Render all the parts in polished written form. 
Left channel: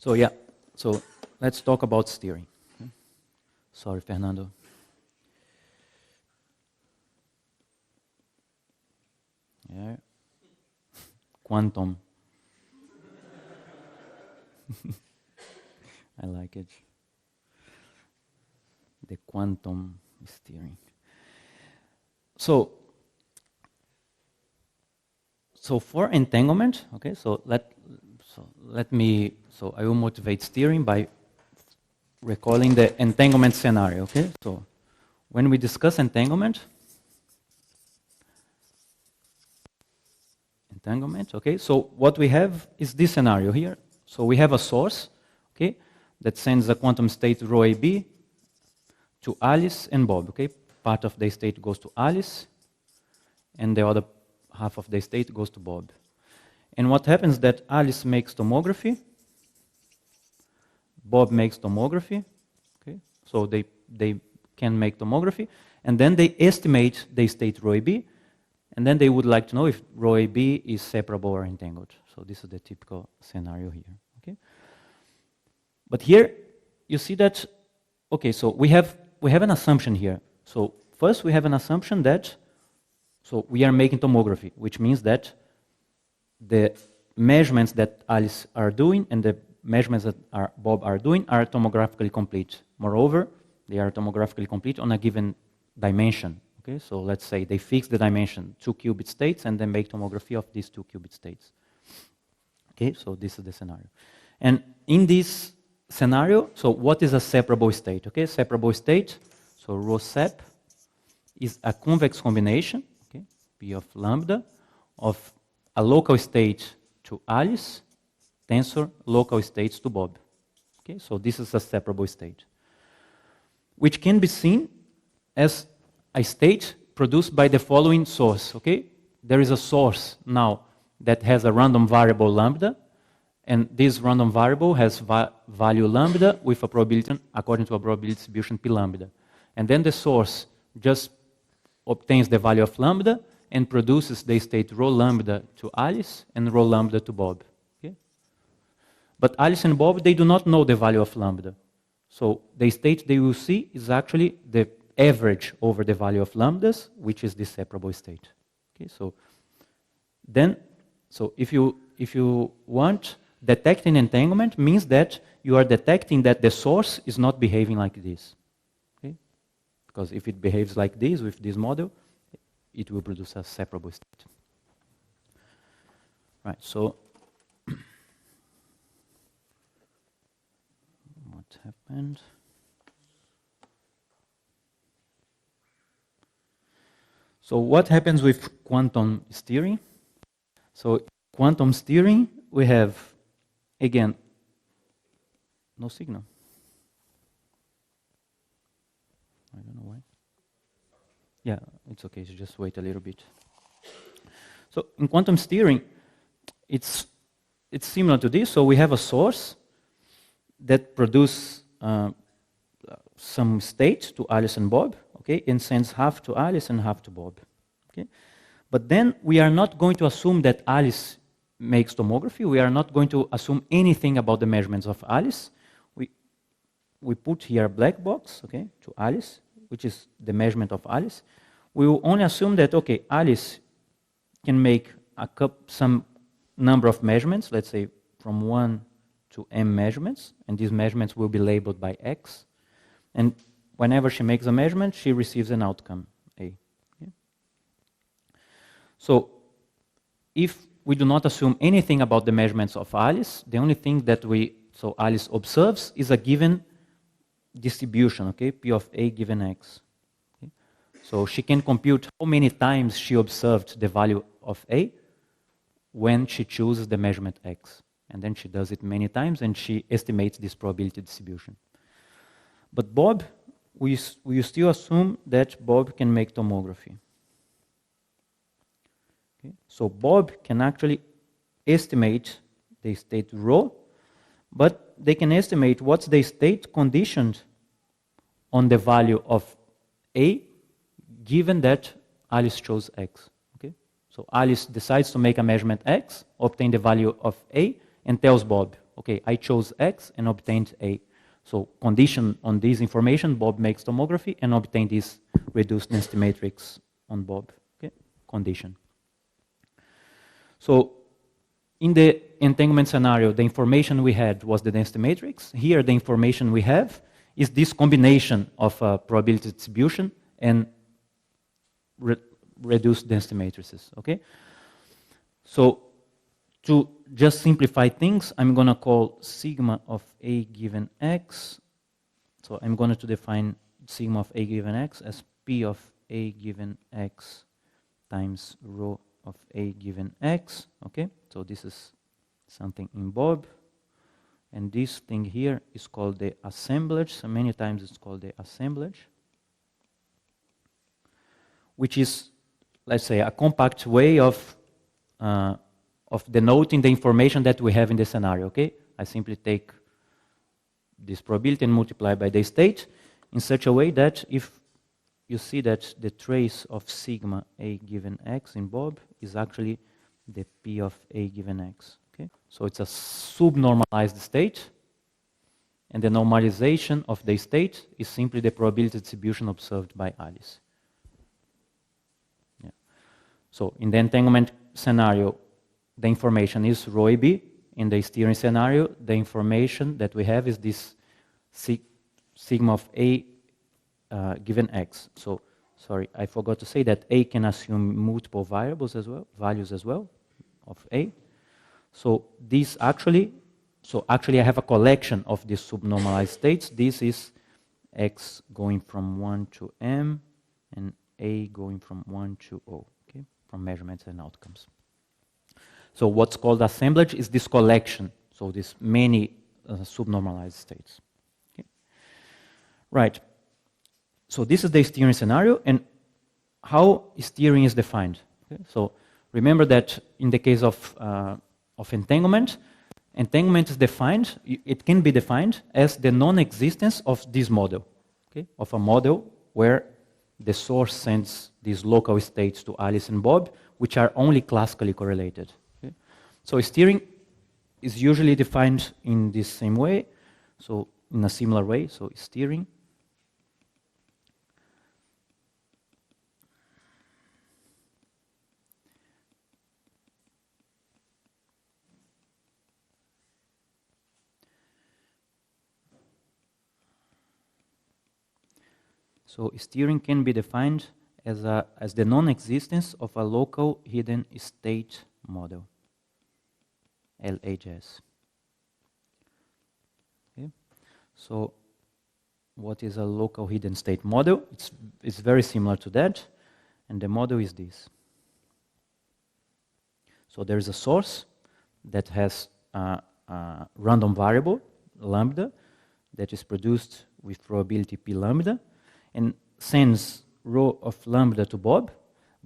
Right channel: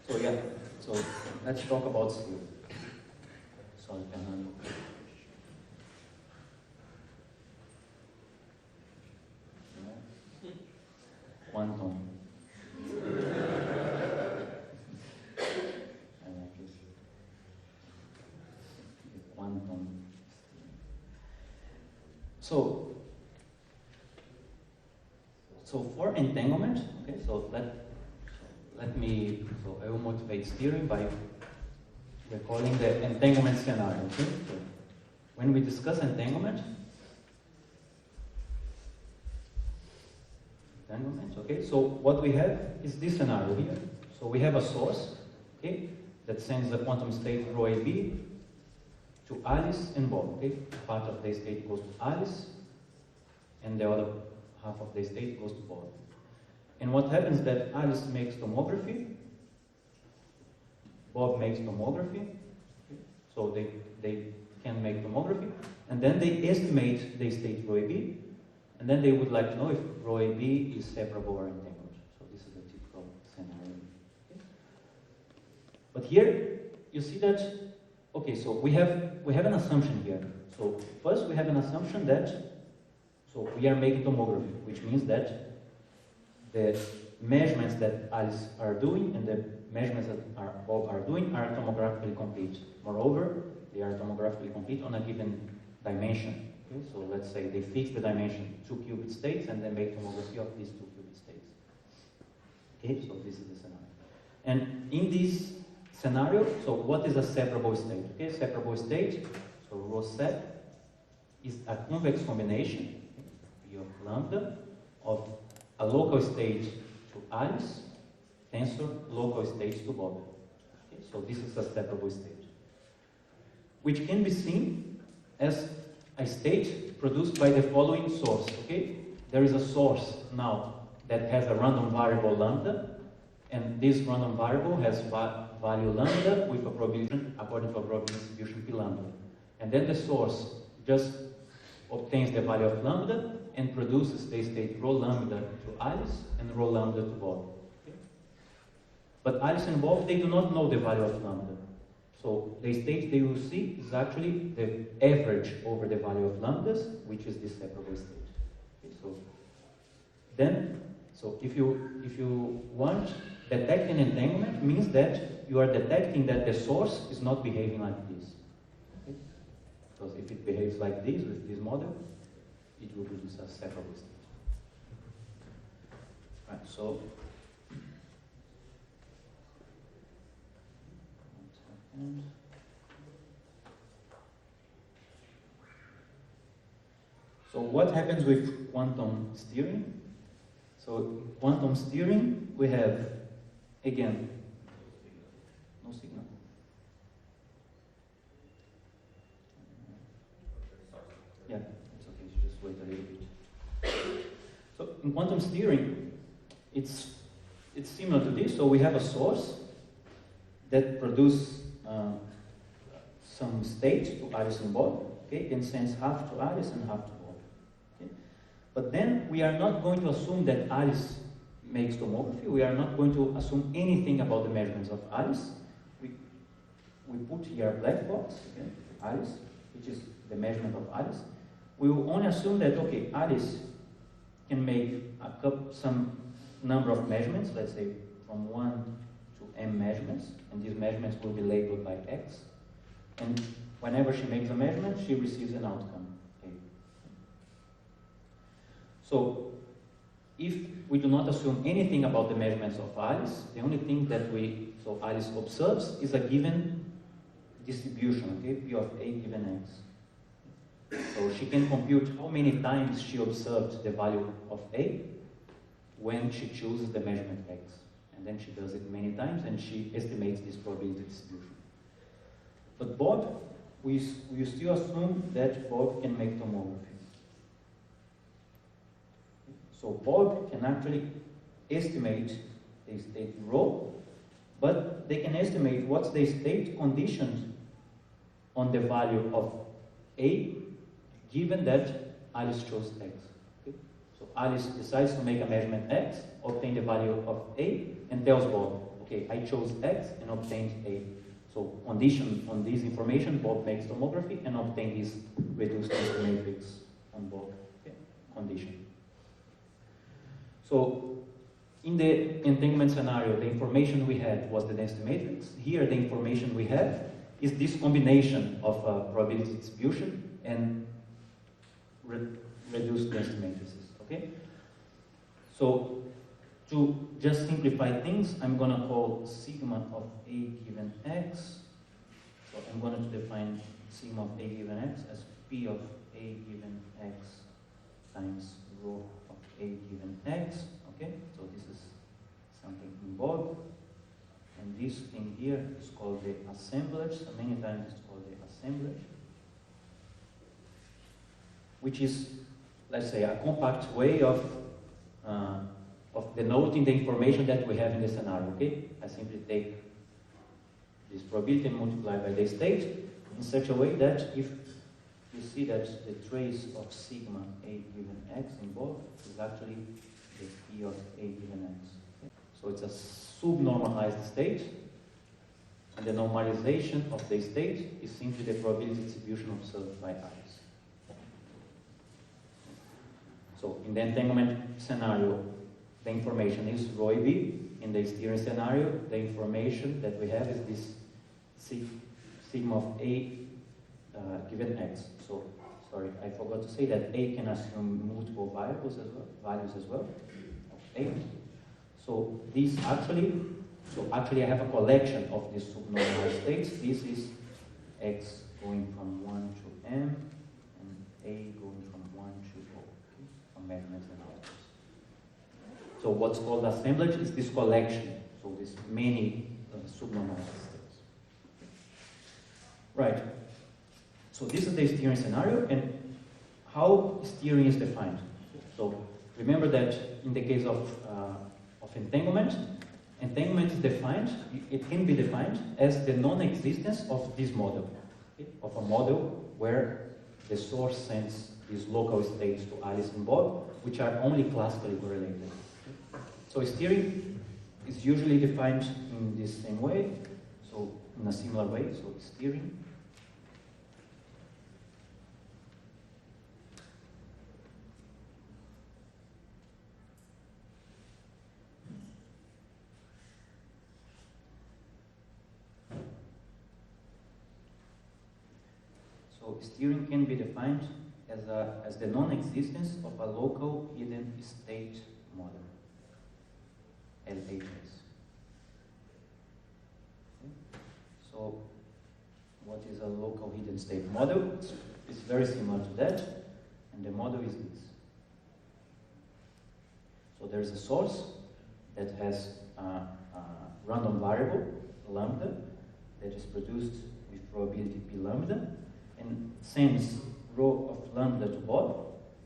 So yeah, so let's talk about steering. Sorry, Fernando. Yeah. Quantum. I like it. The quantum steering. So for entanglement, okay, so I will motivate steering by recalling the entanglement scenario, okay? So when we discuss entanglement, okay, so what we have is this scenario here. So we have a source, okay, that sends a quantum state rho AB to Alice and Bob, okay? Part of the state goes to Alice, and the other half of the state goes to Bob. And what happens is that Alice makes tomography, Bob makes tomography, okay? So they can make tomography, and then they estimate the state rho AB, and then they would like to know if rho AB is separable or entangled. So this is the typical scenario here, okay? But here, you see that, okay, so we have an assumption here. So first we have an assumption that, so we are making tomography, which means that the measurements that Alice are doing and the measurements that Bob are doing are tomographically complete. Moreover, they are tomographically complete on a given dimension. Okay, so let's say they fix the dimension, 2 qubit states, and then make tomography of these 2 qubit states. Okay, so this is the scenario. And in this scenario, so what is a separable state? Okay, separable state, so rho sep is a convex combination, okay, P of lambda, of a local state to Alice, tensor local states to Bob. Okay, so this is a separable state, which can be seen as a state produced by the following source. Okay, there is a source now that has a random variable lambda, and this random variable has value lambda with a probability according to a probability distribution p lambda, and then the source just obtains the value of lambda and produces the state rho lambda to Alice and rho lambda to Bob. Okay? But Alice and Bob, they do not know the value of lambda. So the state they will see is actually the average over the value of lambdas, which is the separable state. Okay? So then, so if you want, detecting entanglement means that you are detecting that the source is not behaving like this. Okay? Because if it behaves like this with this model, it will produce a separable state. Right, so what happened? So what happens with quantum steering? So quantum steering, we have, again, no signal. I don't know why. Yeah. It's okay, so just wait a little bit. So in quantum steering, it's similar to this. So we have a source that produces some state to Alice and Bob, okay, and sends half to Alice and half to Bob. Okay? But then we are not going to assume that Alice makes tomography. We are not going to assume anything about the measurements of Alice. We put here a black box, okay, to Alice, which is the measurement of Alice. We will only assume that, okay, Alice can make some number of measurements, let's say from 1 to m measurements, and these measurements will be labeled by x. And whenever she makes a measurement, she receives an outcome, A. Okay? So if we do not assume anything about the measurements of Alice, the only thing that so Alice observes is a given distribution, okay, P of A given x. So she can compute how many times she observed the value of A when she chooses the measurement x. And then she does it many times and she estimates this probability distribution. But Bob, we still assume that Bob can make tomography. Okay? So Bob can actually estimate the state rho, but they can estimate what's the state conditioned on the value of A given that Alice chose x. Okay? So Alice decides to make a measurement x, obtain the value of A, and tells Bob, okay, I chose X and obtained A. So condition on this information, Bob makes tomography and obtain this reduced density matrix on Bob. Okay? Condition. So in the entanglement scenario, the information we had was the density matrix. Here, the information we have is this combination of probability distribution and reduced density matrices. Okay? So to just simplify things, I'm going to call sigma of A given X. So I'm going to define sigma of A given X as P of A given X times rho of A given X. Okay, so this is something in Bob. And this thing here is called the assemblage. So many times it's called the assemblage, which is, let's say, a compact way of denoting the information that we have in the scenario, okay? I simply take this probability and multiply by the state in such a way that if you see that the trace of sigma A given X in Bob is actually the P of A given X, okay? So it's a subnormalized state, and the normalization of the state is simply the probability distribution observed by Alice. Yeah. So in the entanglement scenario, the information is rho AB. In the steering scenario, the information that we have is this sigma of A given X. So, sorry, I forgot to say that A can assume multiple variables as well, values as well, of A. So this actually, I have a collection of these subnormalized states. This is X going from 1 to M, and A going from 1 to O, okay, from measurements and outcomes. So what's called assemblage is this collection, so these many subnormalized states. Okay. Right. So this is the steering scenario, and how steering is defined. Okay. So remember that in the case of entanglement, entanglement is defined, it can be defined as the non-existence of this model, okay, of a model where the source sends these local states to Alice and Bob, which are only classically correlated. So steering is usually defined in this same way, so in a similar way, so steering. So steering can be defined as the non-existence of a local hidden state model. LHS. Okay. So what is a local hidden state model? It's very similar to that, and the model is this. So there is a source that has a random variable, lambda, that is produced with probability p lambda, and sends rho of lambda to Bob,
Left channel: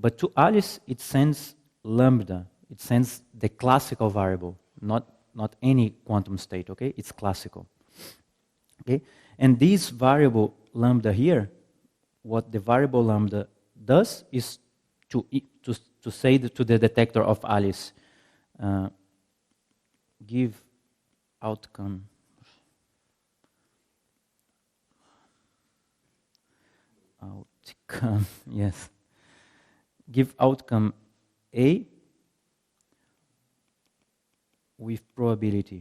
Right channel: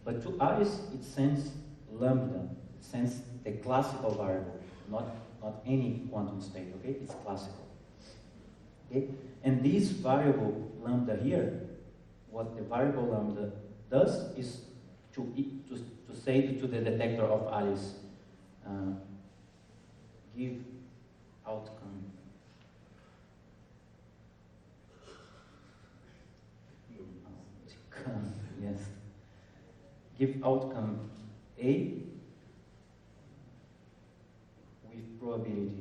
but to Alice it sends lambda, it sends the classical variable, not any quantum state, okay? It's classical. Okay? And this variable lambda here, what the variable lambda does is to say to the detector of Alice, give outcome yes, give outcome A with probability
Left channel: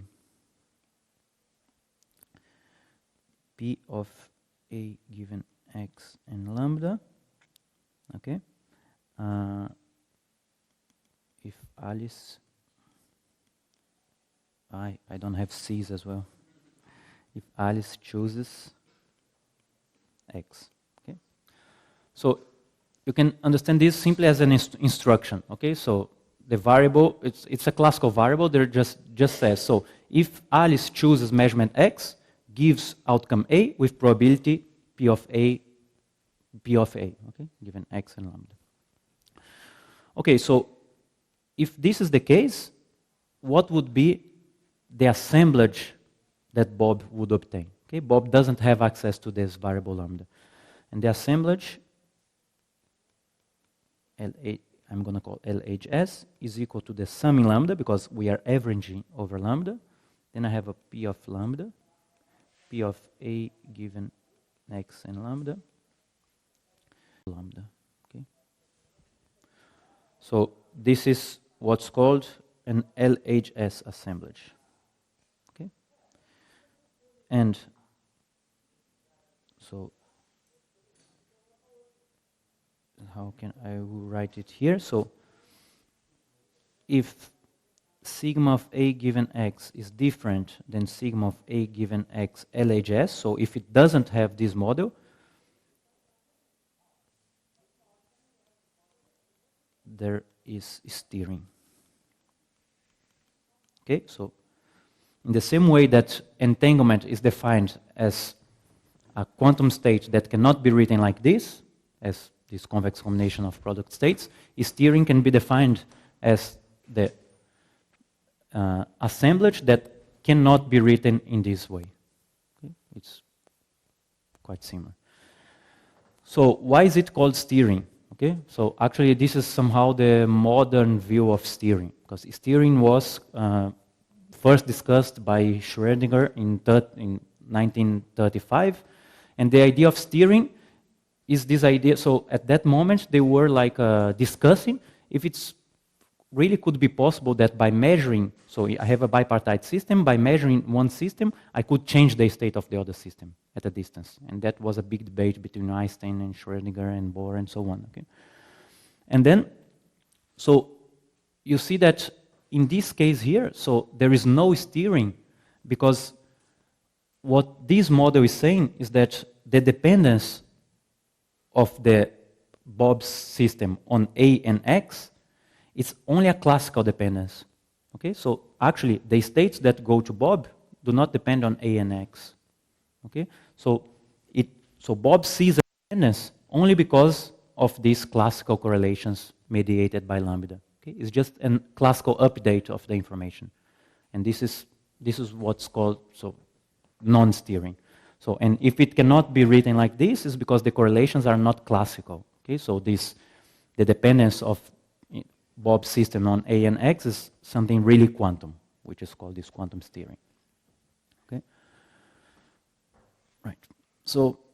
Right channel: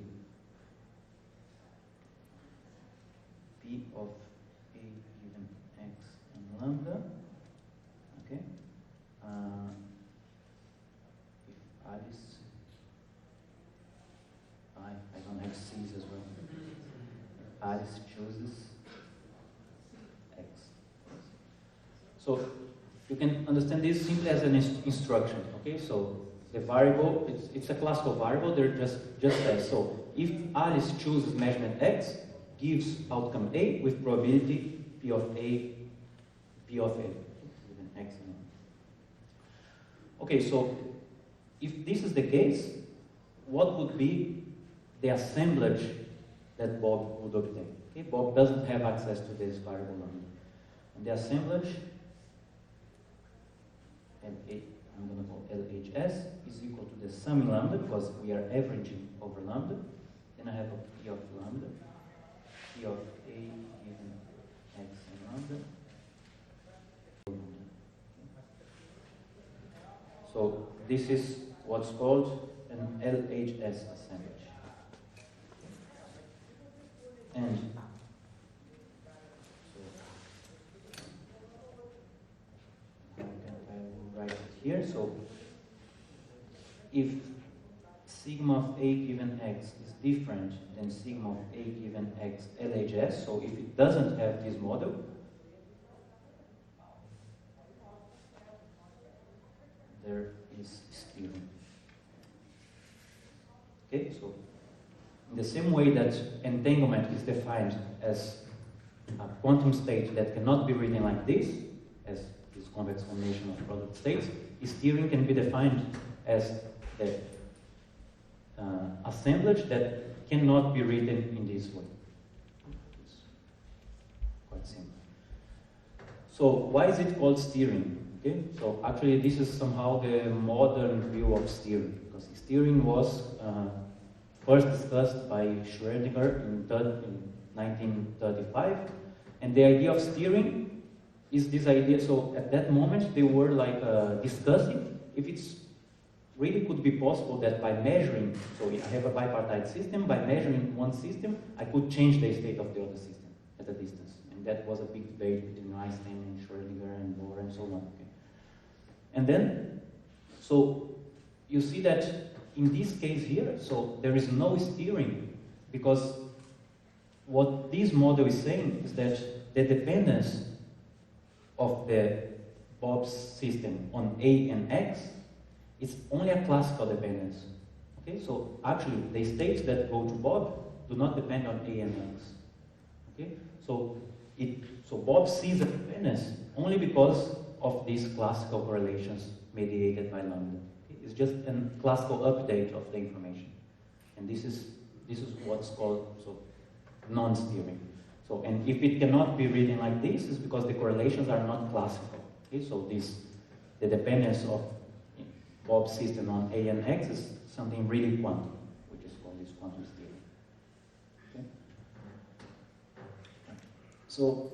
P of A given X and lambda, okay? If Alice, I don't have C's as well. If Alice chooses X, okay? So you can understand this simply as an instruction, okay? So the variable, it's a classical variable, there just says, so if Alice chooses measurement X, gives outcome A with probability P of A, okay, given X and lambda. Okay, so if this is the case, what would be the assemblage that Bob would obtain? Okay, Bob doesn't have access to this variable lambda. And the assemblage, I'm going to call LHS, is equal to the sum in lambda, because we are averaging over lambda, Then I have a P of lambda, P of A given X and lambda. Okay. So this is what's called an LHS assemblage. Okay. And so how can I will write it here? So if sigma of A given X is different than sigma of A given X LHS, so if it doesn't have this model, there is steering. Okay, so in the same way that entanglement is defined as a quantum state that cannot be written like this, as this convex combination of product states, steering can be defined as the assemblage that cannot be written in this way. It's quite similar. So why is it called steering? Okay, so actually this is somehow the modern view of steering, because steering was first discussed by Schrödinger in 1935, and the idea of steering is this idea. So at that moment they were like discussing if it's really could be possible that by measuring, so I have a bipartite system, by measuring one system, I could change the state of the other system at a distance. And that was a big debate between Einstein and Schrödinger and Bohr and so on. Okay. And then, so you see that in this case here, so there is no steering, because what this model is saying is that the dependence of the Bob's system on A and X, it's only a classical dependence. Okay, so actually the states that go to Bob do not depend on A and X. Okay, so Bob sees a dependence only because of these classical correlations mediated by lambda. Okay, it's just a classical update of the information, and this is what's called non-steering. So, and if it cannot be written like this, is because the correlations are not classical. Okay, so the dependence of Bob's system on A and X is something really quantum, which is called this quantum steering. Okay? Right. So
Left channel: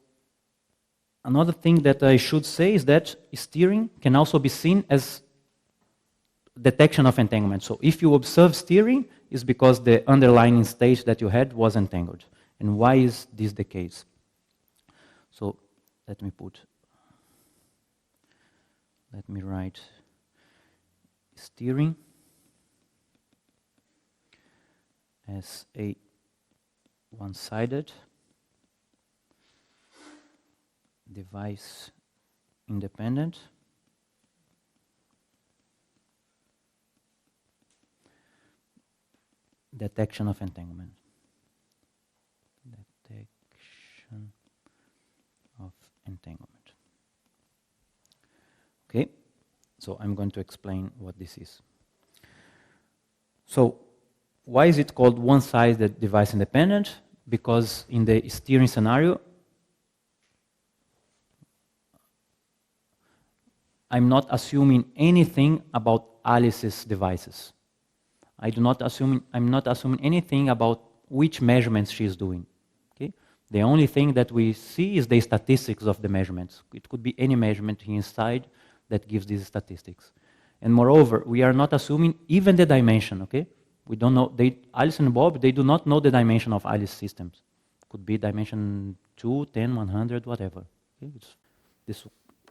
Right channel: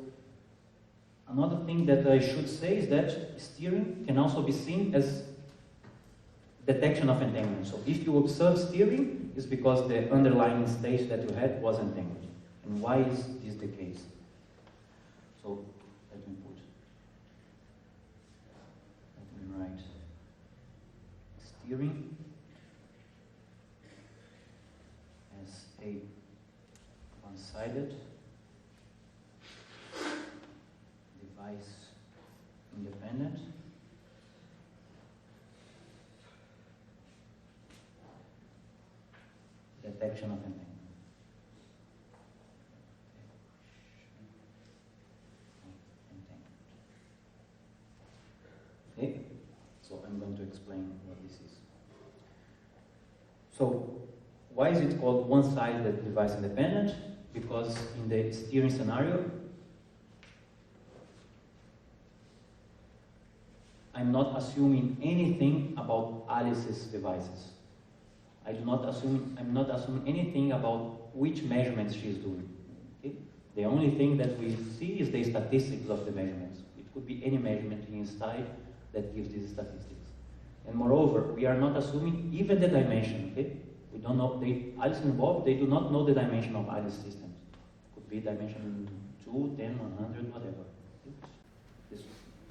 another thing that I should say is that steering can also be seen as detection of entanglement. So if you observe steering, it's because the underlying state that you had was entangled. And why is this the case? So let me write steering as a one-sided device independent detection of entanglement. Detection of entanglement. Okay, so I'm going to explain what this is. So why is it called one-sided device independent? Because in the steering scenario, I'm not assuming anything about Alice's devices. I'm not assuming anything about which measurements she is doing. Okay? The only thing that we see is the statistics of the measurements. It could be any measurement inside that gives these statistics. And moreover, we are not assuming even the dimension, okay? We don't know, Alice and Bob, they do not know the dimension of Alice systems. Could be dimension 2, 10, 100, whatever. Okay? This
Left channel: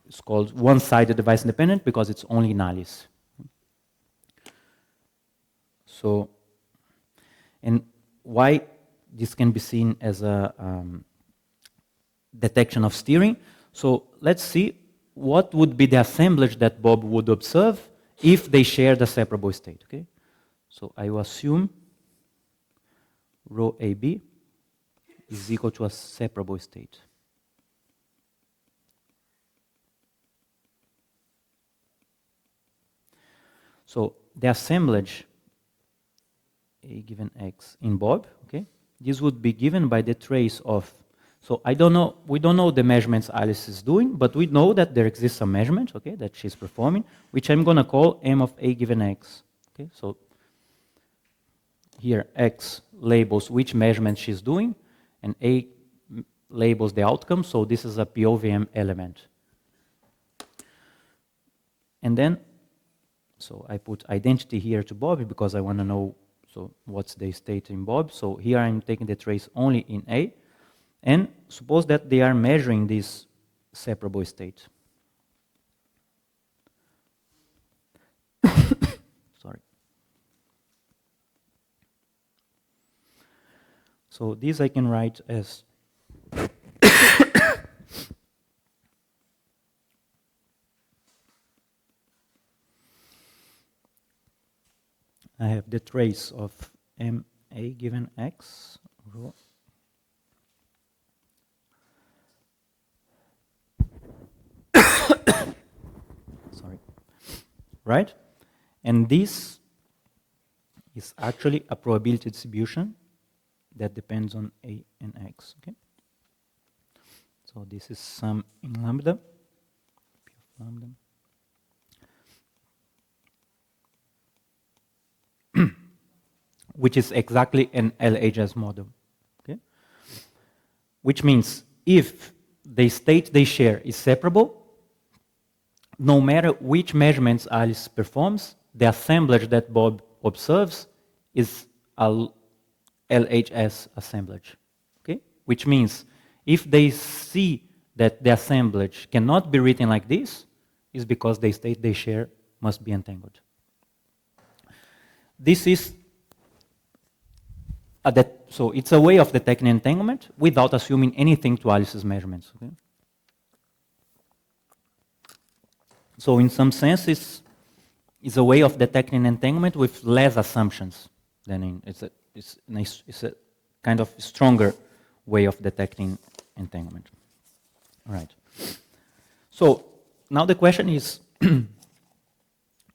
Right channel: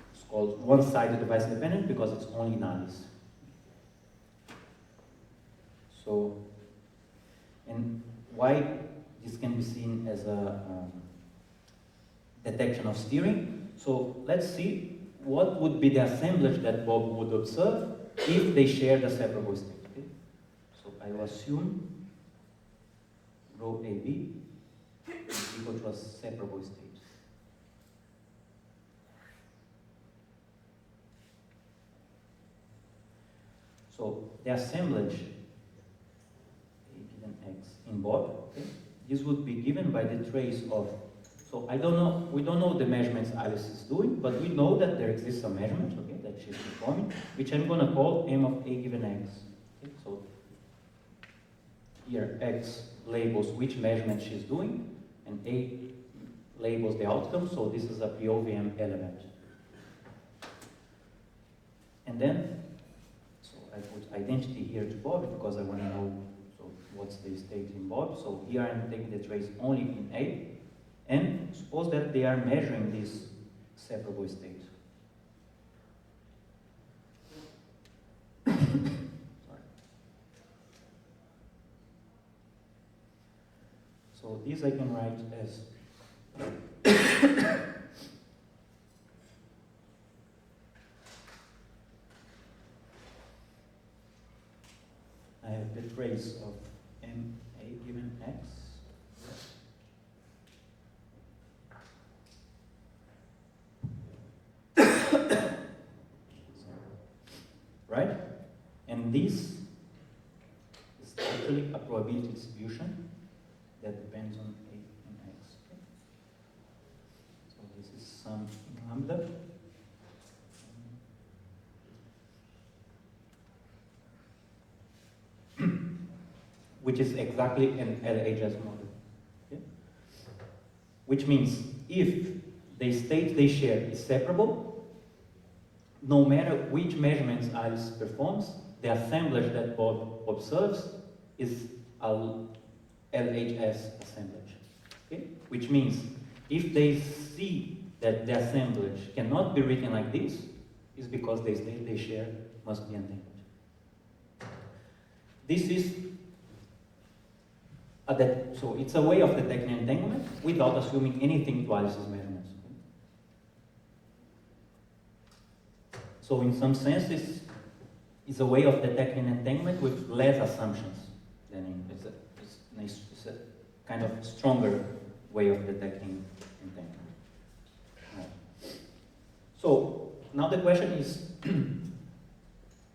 is called one-sided device independent because it's only in Alice. So, and why this can be seen as a detection of steering? So let's see what would be the assemblage that Bob would observe if they shared a separable state. Okay? So I will assume rho AB is equal to a separable state. So the assemblage A given X in Bob, okay, this would be given by the trace of, so we don't know the measurements Alice is doing, but we know that there exists some measurement, okay, that she's performing, which I'm going to call M of A given X. Okay, so here X labels which measurement she's doing, and A labels the outcome, so this is a POVM element. And then, so I put identity here to Bob because I want to know so what's the state in Bob. So here I'm taking the trace only in A, and suppose that they are measuring this separable state. Sorry. So this I can write as I have the trace of MA given X rho sorry, right? And this is actually a probability distribution that depends on A and X, okay? So this is sum in lambda. Which is exactly an LHS model, okay? Which means if the state they share is separable, no matter which measurements Alice performs, the assemblage that Bob observes is a LHS assemblage, okay? Which means if they see that the assemblage cannot be written like this, is because the state they share must be entangled. This is so it's a way of detecting entanglement without assuming anything to Alice's measurements. Okay? So in some sense, it's a way of detecting entanglement with less assumptions than it's a kind of stronger way of detecting entanglement. All right. So now the question is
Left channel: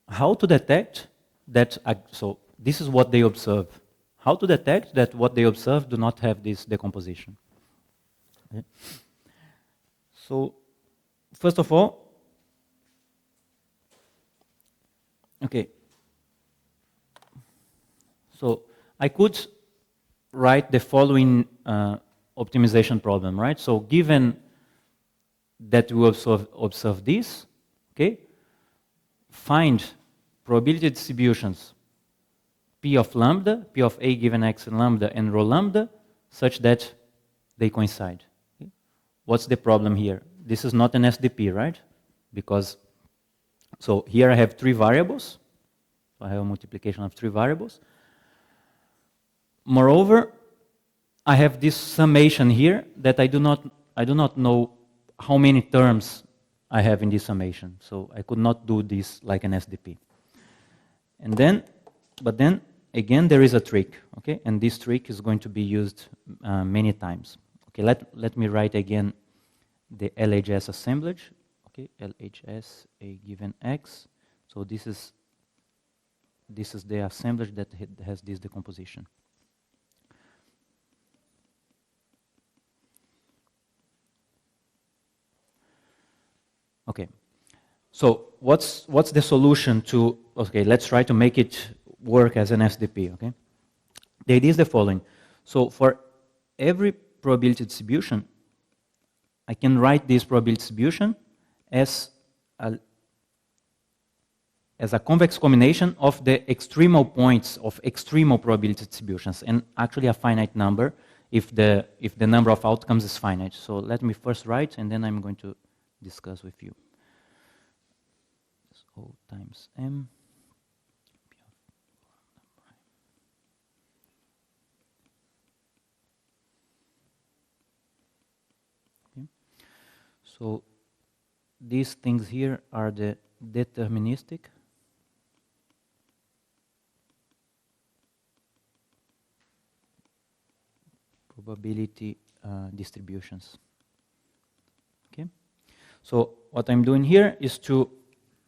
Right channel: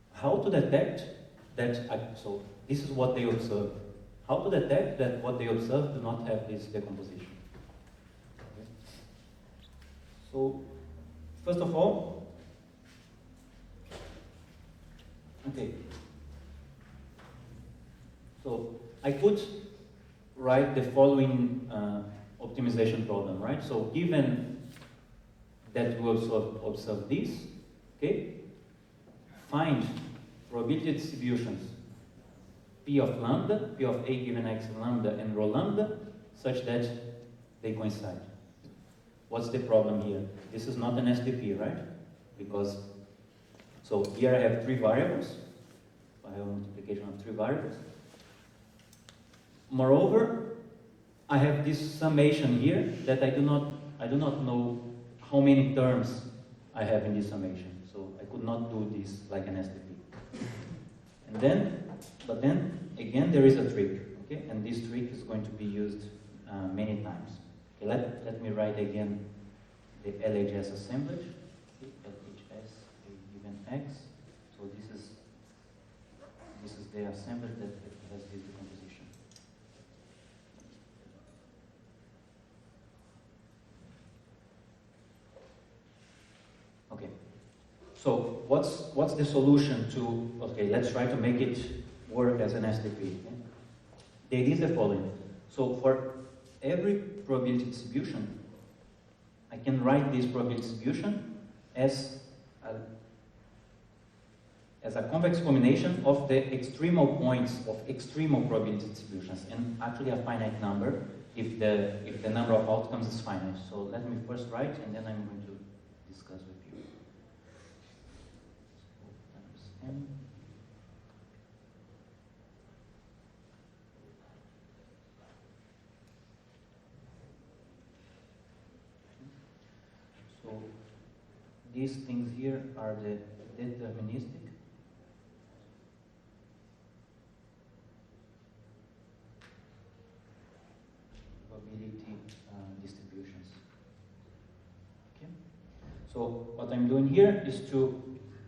how to detect that. So this is what they observe. How to detect that what they observe do not have this decomposition. Okay. So, first of all, okay. So I could write the following optimization problem, right? So given that we observe this, okay, find probability distributions P of lambda, P of A given X and lambda and rho lambda, such that they coincide. What's the problem here? This is not an SDP, right? Because, so here I have 3 variables. I have a multiplication of 3 variables. Moreover, I have this summation here that I do not know how many terms I have in this summation. So I could not do this like an SDP. And then, but then again, there is a trick, okay? And this trick is going to be used many times. Okay, let me write again the LHS assemblage. Okay, LHS A given X. So this is the assemblage that has this decomposition. Okay. So what's the solution to? Okay, let's try to make it work as an SDP, okay? The idea is the following. So for every probability distribution, I can write this probability distribution as a convex combination of the extremal points of extremal probability distributions, and actually a finite number if the number of outcomes is finite. So let me first write, and then I'm going to discuss with you. So times M. So these things here are the deterministic probability distributions. Okay. So what I'm doing here is to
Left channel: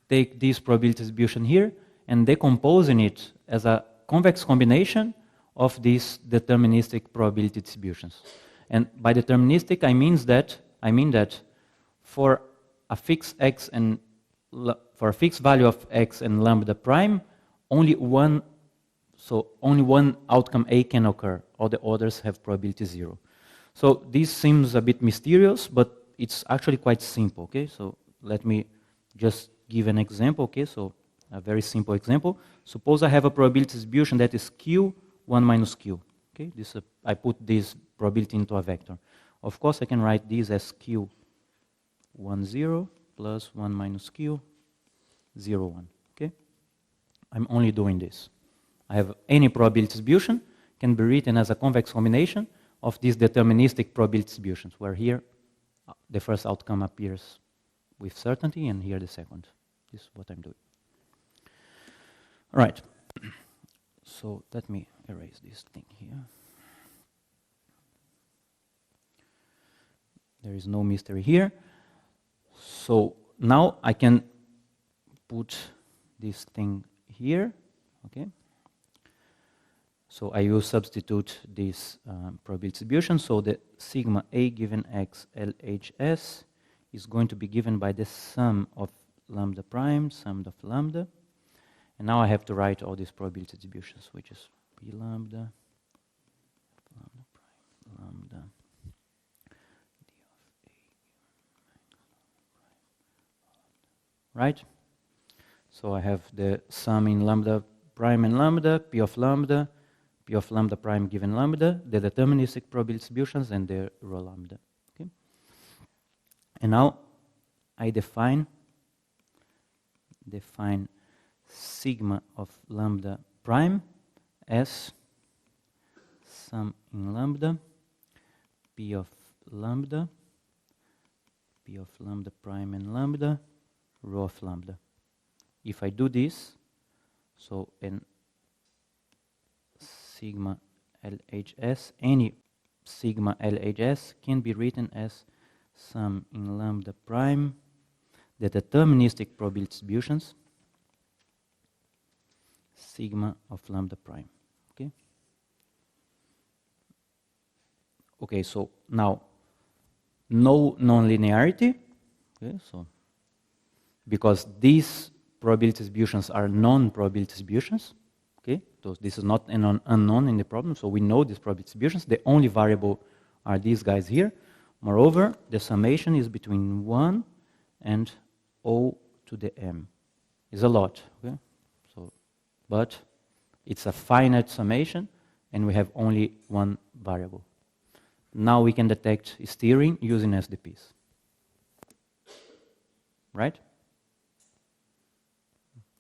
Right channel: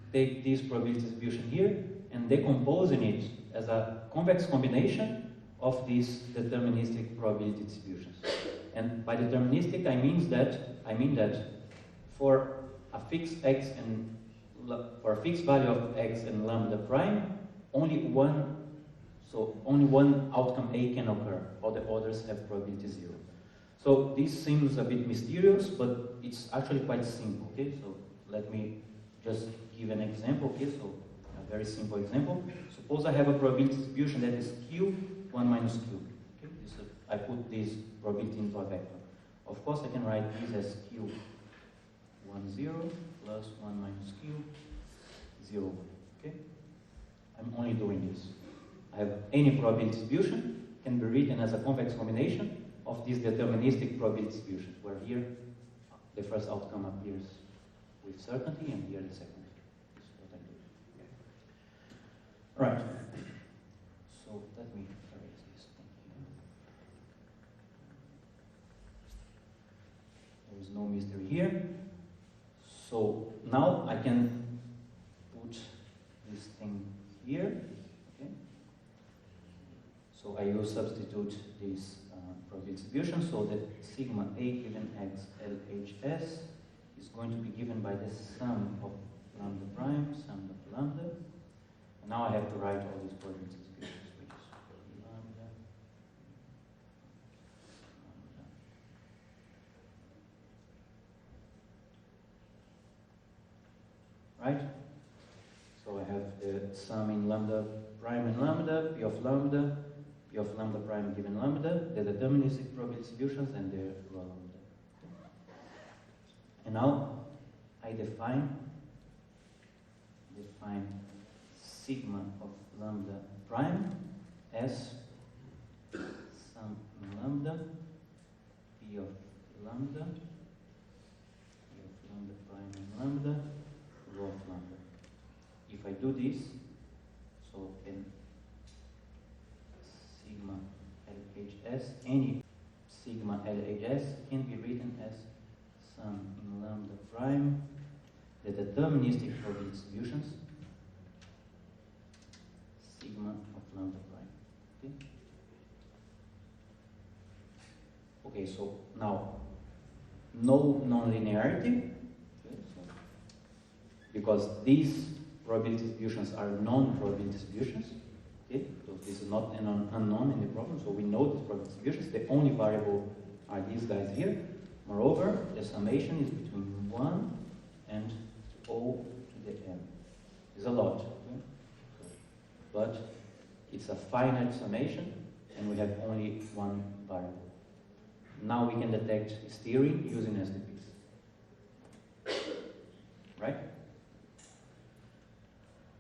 take this probability distribution here and decomposing it as a convex combination of these deterministic probability distributions. And by deterministic, I mean that for a fixed x and for a fixed value of x and lambda prime, only one So only one outcome A can occur, all the others have probability 0. So this seems a bit mysterious, but it's actually quite simple, okay? So let me just give an example, okay? So a very simple example. Suppose I have a probability distribution that is Q, 1 minus Q, okay? I put this probability into a vector. Of course, I can write this as Q, 1, 0, plus 1 minus Q, 0, 1, okay? I'm only doing this. I have any probability distribution can be written as a convex combination of these deterministic probability distributions, where here the first outcome appears with certainty, and here the second. This is what I'm doing. All right. So let me erase this thing here. There is no mystery here. So now I can put this thing here, okay? So I will substitute this probability distribution. So the sigma A given X LHS is going to be given by the sum of lambda prime, sum of lambda. And now I have to write all these probability distributions, which is P lambda, lambda. Right? So I have the sum in lambda prime and lambda, P of lambda prime given lambda, the deterministic probability distributions, and the rho lambda. Okay? And now I define sigma of lambda prime as sum in lambda, P of lambda prime and lambda, rho of lambda. If I do this, so then sigma LHS, any sigma LHS can be written as sum in lambda prime, the deterministic probability distributions, sigma of lambda prime. Okay? Okay, so now no nonlinearity. Okay, so because these probability distributions are non-probability distributions. Okay, so this is not an unknown in the problem, so we know these probability distributions. The only variable are these guys here. Moreover, the summation is between 1 and O to the m. It's a lot, okay? So, but it's a finite summation, and we have only one variable. Now we can detect steering using SDPs. Right?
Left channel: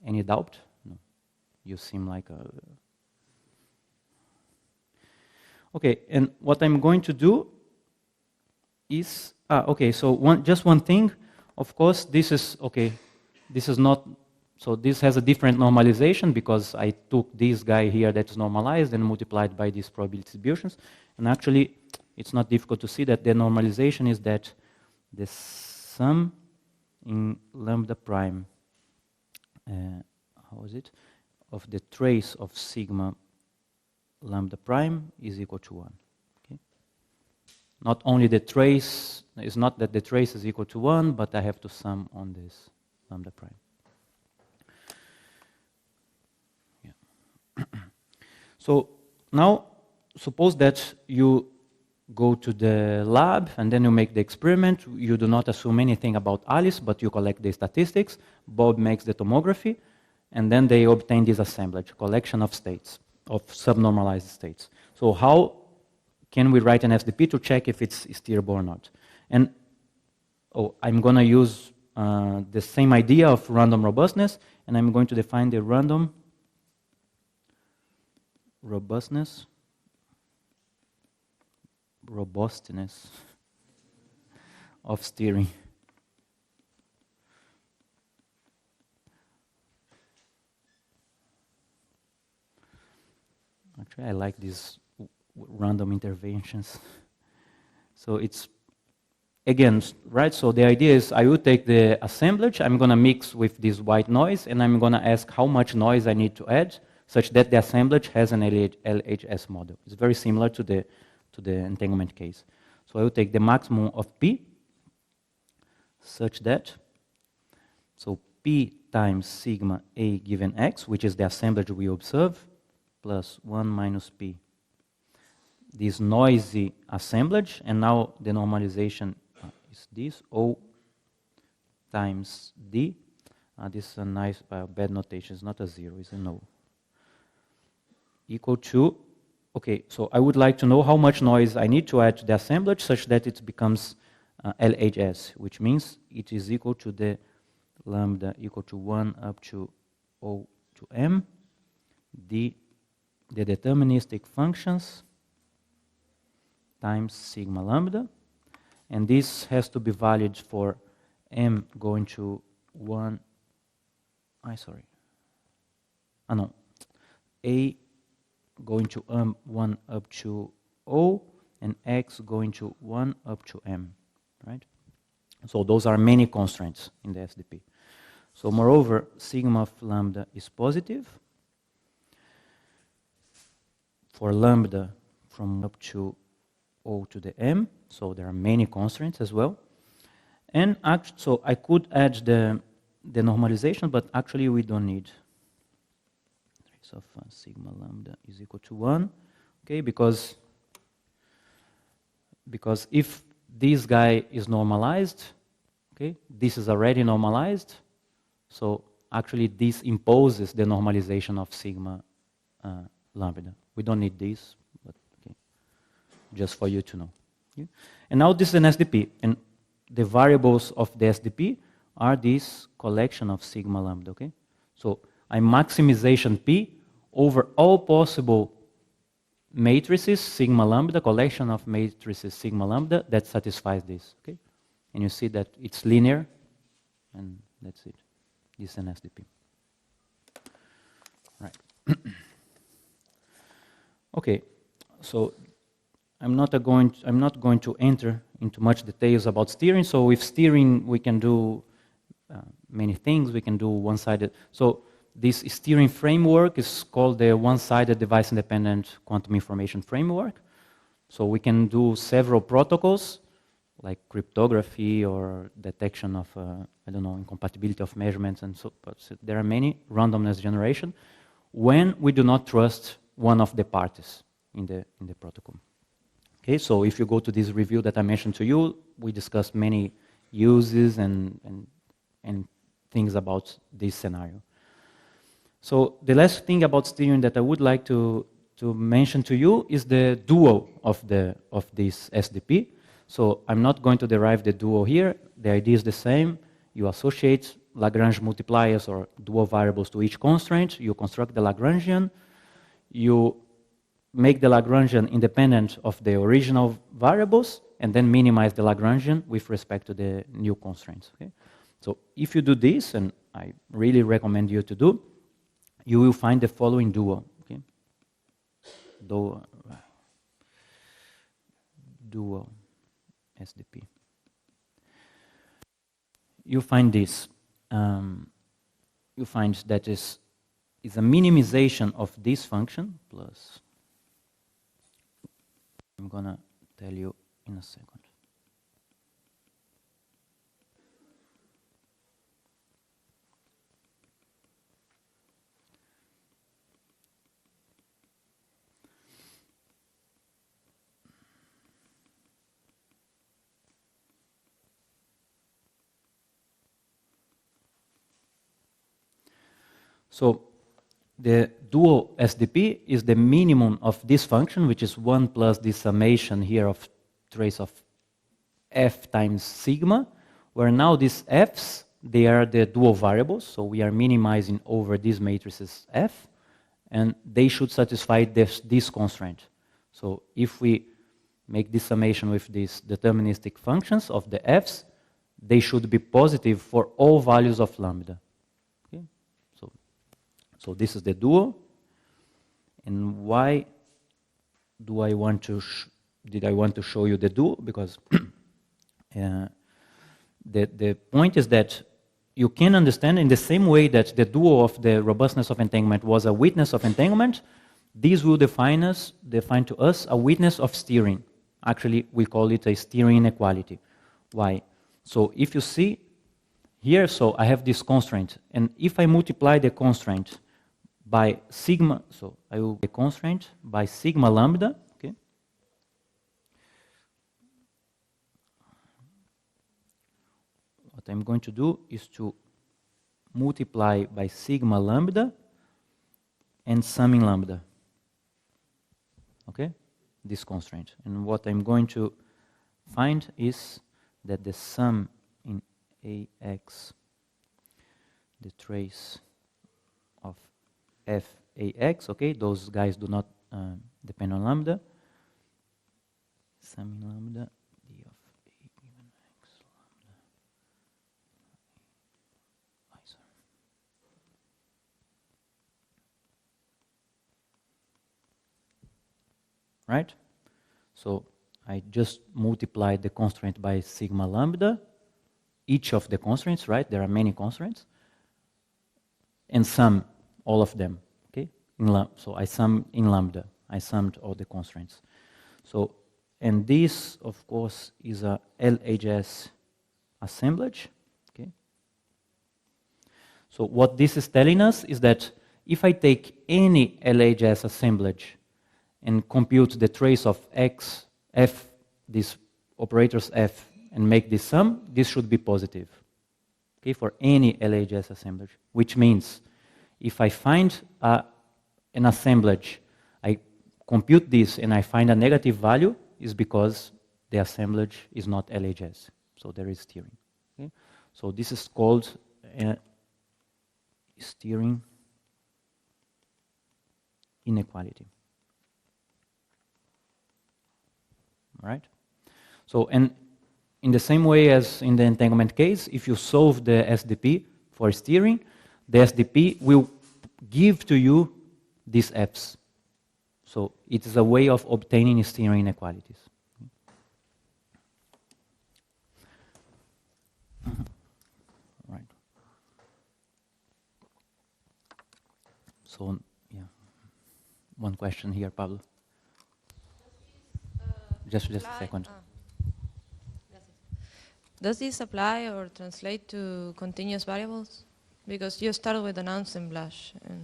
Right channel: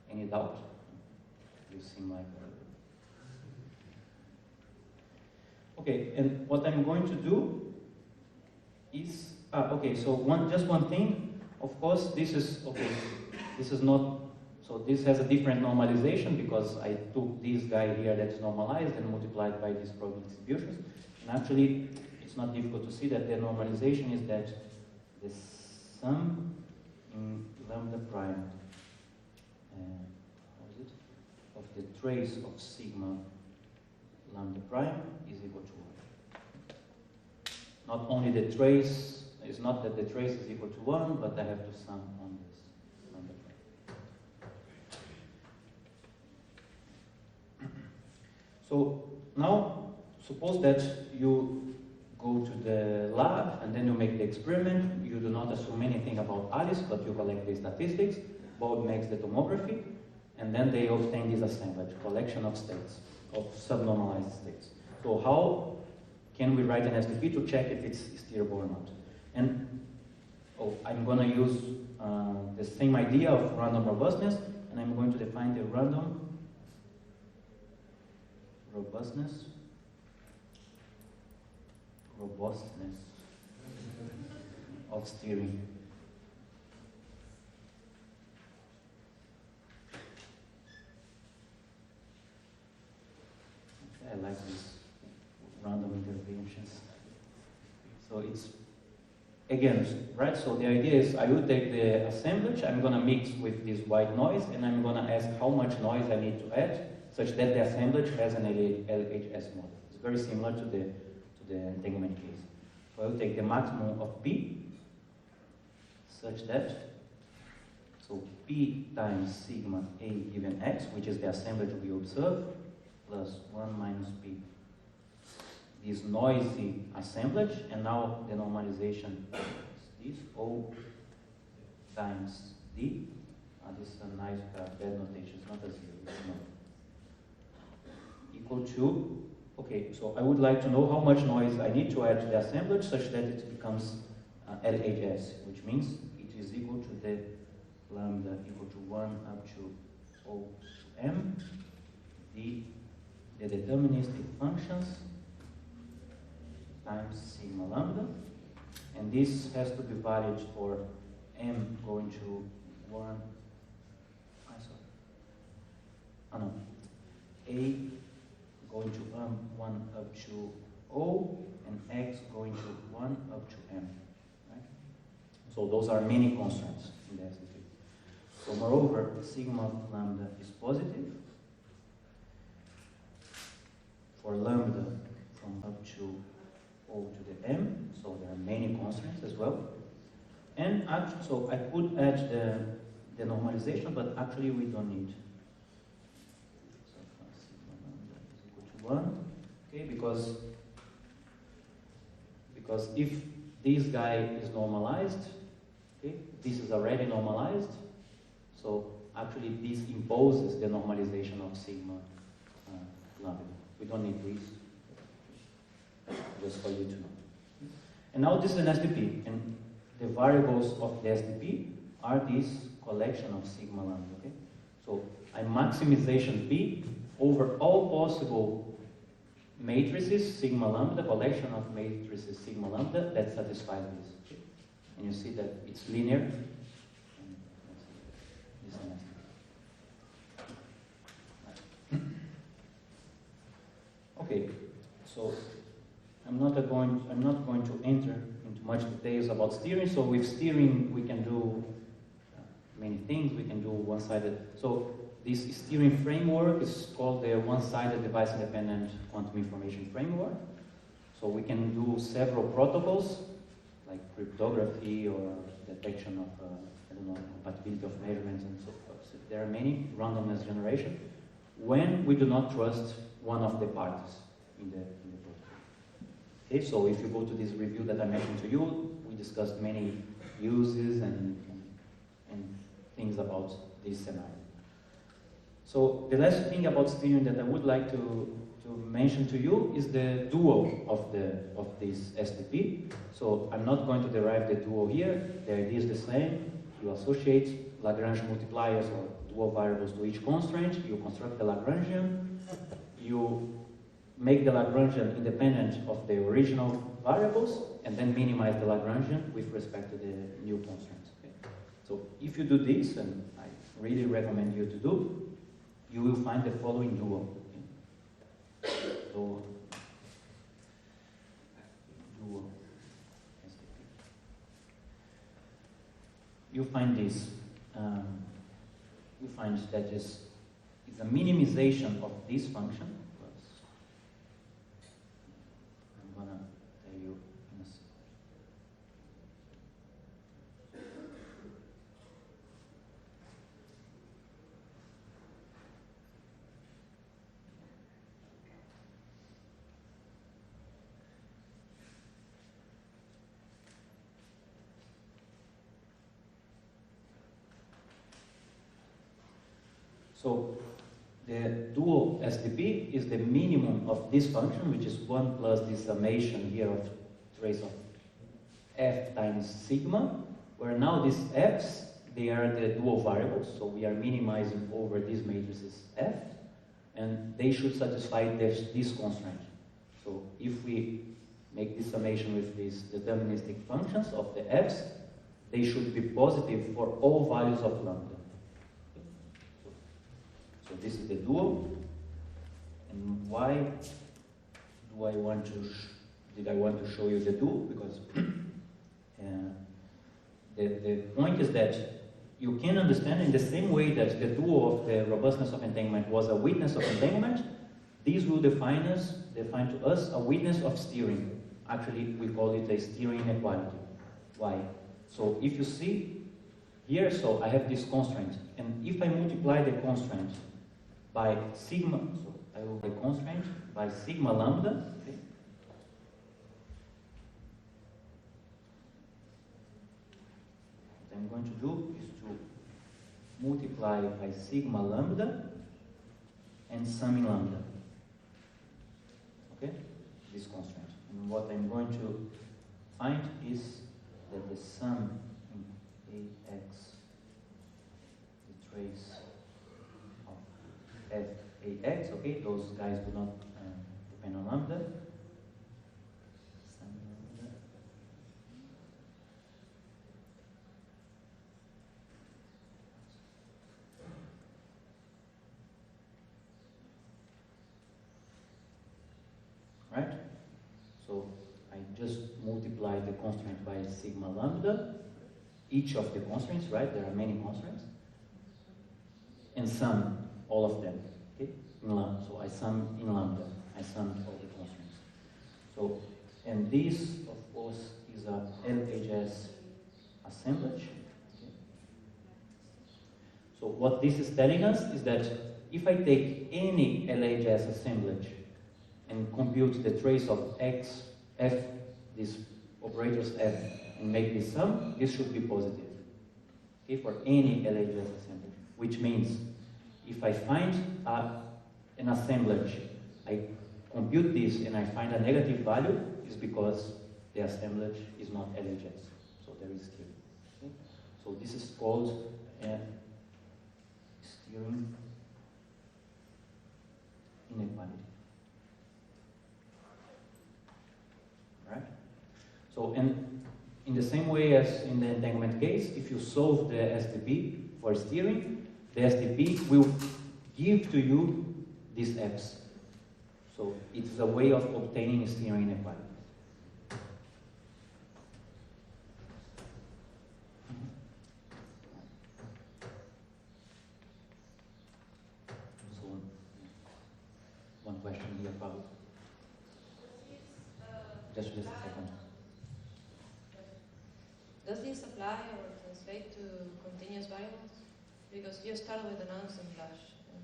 Any doubt? You seem like a... Okay, and what I'm going to do is... okay, so just one thing. Of course, this is... Okay, this is not... So this has a different normalization because I took this guy here that's normalized and multiplied by these probability distributions. And actually, it's not difficult to see that the normalization is that the sum in lambda prime, how is it? Of the trace of sigma lambda prime is equal to 1. Okay? Not only the trace, it's not that the trace is equal to 1, but I have to sum on this lambda prime. Yeah. So now, suppose that you go to the lab and then you make the experiment. You do not assume anything about Alice, but you collect the statistics. Bob makes the tomography, and then they obtain this assemblage, collection of states, of subnormalized states. So how can we write an SDP to check if it's steerable or not? And I'm going to use the same idea of random robustness, and I'm going to define the random robustness of steering. Actually, I like these random interventions. So it's, again, right, so the idea is I will take the assemblage, I'm going to mix with this white noise, and I'm going to ask how much noise I need to add such that the assemblage has an LHS model. It's very similar to the entanglement case. So I will take the maximum of P such that, so P times sigma A given X, which is the assemblage we observe, plus 1 minus p. This noisy assemblage, and now the normalization is this, O times D. This is a nice bad notation, it's not a 0, it's no. Equal to, okay, so I would like to know how much noise I need to add to the assemblage such that it becomes LHS, which means it is equal to the lambda equal to 1 up to O to M, the deterministic functions times sigma lambda, and this has to be valid for M going to 1, A going to 1 up to O, and X going to 1 up to M, right? So those are many constraints in the SDP. So moreover, sigma of lambda is positive for lambda from up to O to the M, so there are many constraints as well. And so I could add the normalization, but actually we don't need. So sigma lambda is equal to 1, okay, because if this guy is normalized, okay, this is already normalized, so actually this imposes the normalization of sigma lambda. We don't need this, but, okay, just for you to know. Okay. And now this is an SDP, and the variables of the SDP are this collection of sigma lambda, okay? So I maximization P over all possible matrices sigma lambda, collection of matrices sigma lambda that satisfies this, okay? And you see that it's linear, and that's it. This is an SDP. Right. Okay, so I'm not going to enter into much details about steering. So with steering, we can do many things. We can do one-sided. So this steering framework is called the one-sided device-independent quantum information framework. So we can do several protocols, like cryptography or detection of, I don't know, compatibility of measurements, and so there are many, randomness generation, when we do not trust one of the parties in the protocol. Okay, so if you go to this review that I mentioned to you, we discussed many uses and things about this scenario. So the last thing about steering that I would like to mention to you is the dual of this SDP. So I'm not going to derive the dual here. The idea is the same. You associate Lagrange multipliers or dual variables to each constraint. You construct the Lagrangian. You make the Lagrangian independent of the original variables, and then minimize the Lagrangian with respect to the new constraints. Okay? So if you do this, and I really recommend you to do, you will find the following dual. Okay? Dual SDP. You find this. You find that is a minimization of this function plus. I'm gonna tell you in a second. So the dual SDP is the minimum of this function, which is 1 plus this summation here of trace of f times sigma, where now these f's, they are the dual variables, so we are minimizing over these matrices f, and they should satisfy this constraint. So if we make this summation with these deterministic functions of the f's, they should be positive for all values of lambda. So this is the dual, and why do I want to did I want to show you the dual? Because the point is that you can understand in the same way that the dual of the robustness of entanglement was a witness of entanglement, this will define to us a witness of steering. Actually, we call it a steering inequality. Why? So if you see here, so I have this constraint, and if I multiply the constraint by sigma, so I will be constraint by sigma lambda, okay? What I'm going to do is to multiply by sigma lambda and summing lambda, okay? This constraint. And what I'm going to find is that the sum in AX, the trace of FAX, okay, those guys do not depend on lambda, sum lambda, right? So I just multiplied the constraint by sigma lambda, each of the constraints, right? There are many constraints, and sum all of them, okay? So I sum in lambda. I summed all the constraints. So, and this, of course, is a LHS assemblage, okay? So what this is telling us is that if I take any LHS assemblage and compute the trace of X, F, these operators F, and make this sum, this should be positive, okay, for any LHS assemblage, which means if I find an assemblage, I compute this and I find a negative value, is because the assemblage is not LHS, so there is steering. Okay? So this is called steering inequality. All right? So, and in the same way as in the entanglement case, if you solve the SDP for steering, the SDP will give to you these Fs. So it is a way of obtaining steering inequalities. Right. So, yeah. One question here, Pablo. Just a second. Does this apply or translate to continuous variables? Because you started with an assemblage, and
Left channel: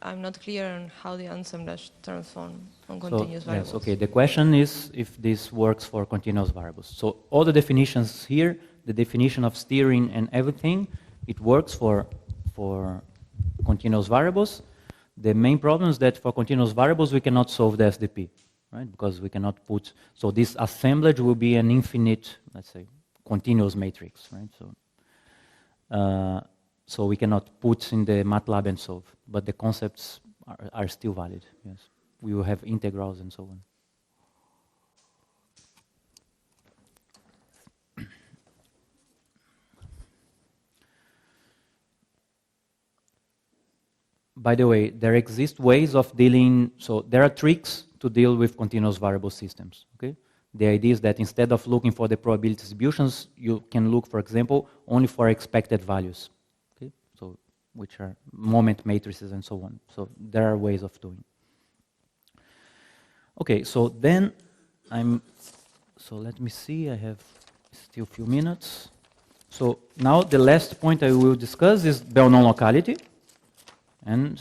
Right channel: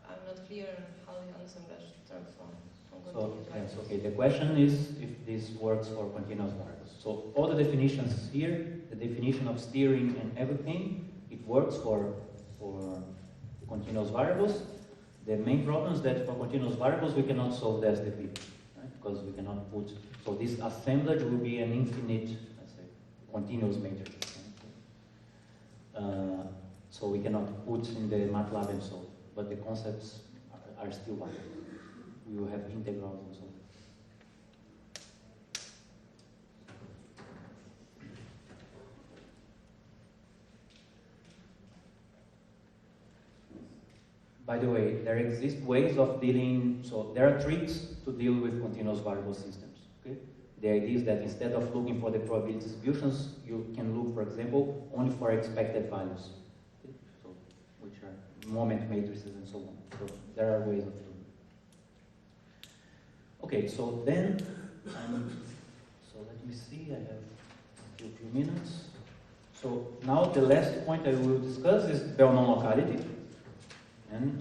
I'm not clear on how the assemblage transforms on continuous variables. Yes, okay. The question is if this works for continuous variables. So all the definitions here, the definition of steering and everything, it works for continuous variables. The main problem is that for continuous variables we cannot solve the SDP. Right? Because we cannot put, so this assemblage will be an infinite, let's say, continuous matrix. Right? So we cannot put in the MATLAB and solve, but the concepts are still valid. Yes. We will have integrals and so on. By the way, there exist ways of dealing, so there are tricks to deal with continuous variable systems, okay? The idea is that instead of looking for the probability distributions, you can look, for example, only for expected values, okay? So, which are moment matrices and so on. So there are ways of doing. Okay, so then so let me see, I have still a few minutes. So now the last point I will discuss is Bell non-locality. And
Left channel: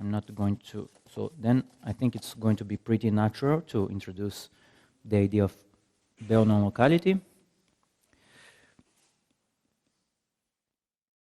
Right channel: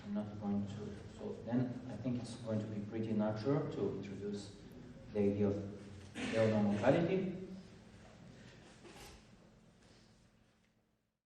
I'm not going to, so then I think it's going to be pretty natural to introduce the idea of Bell non-locality.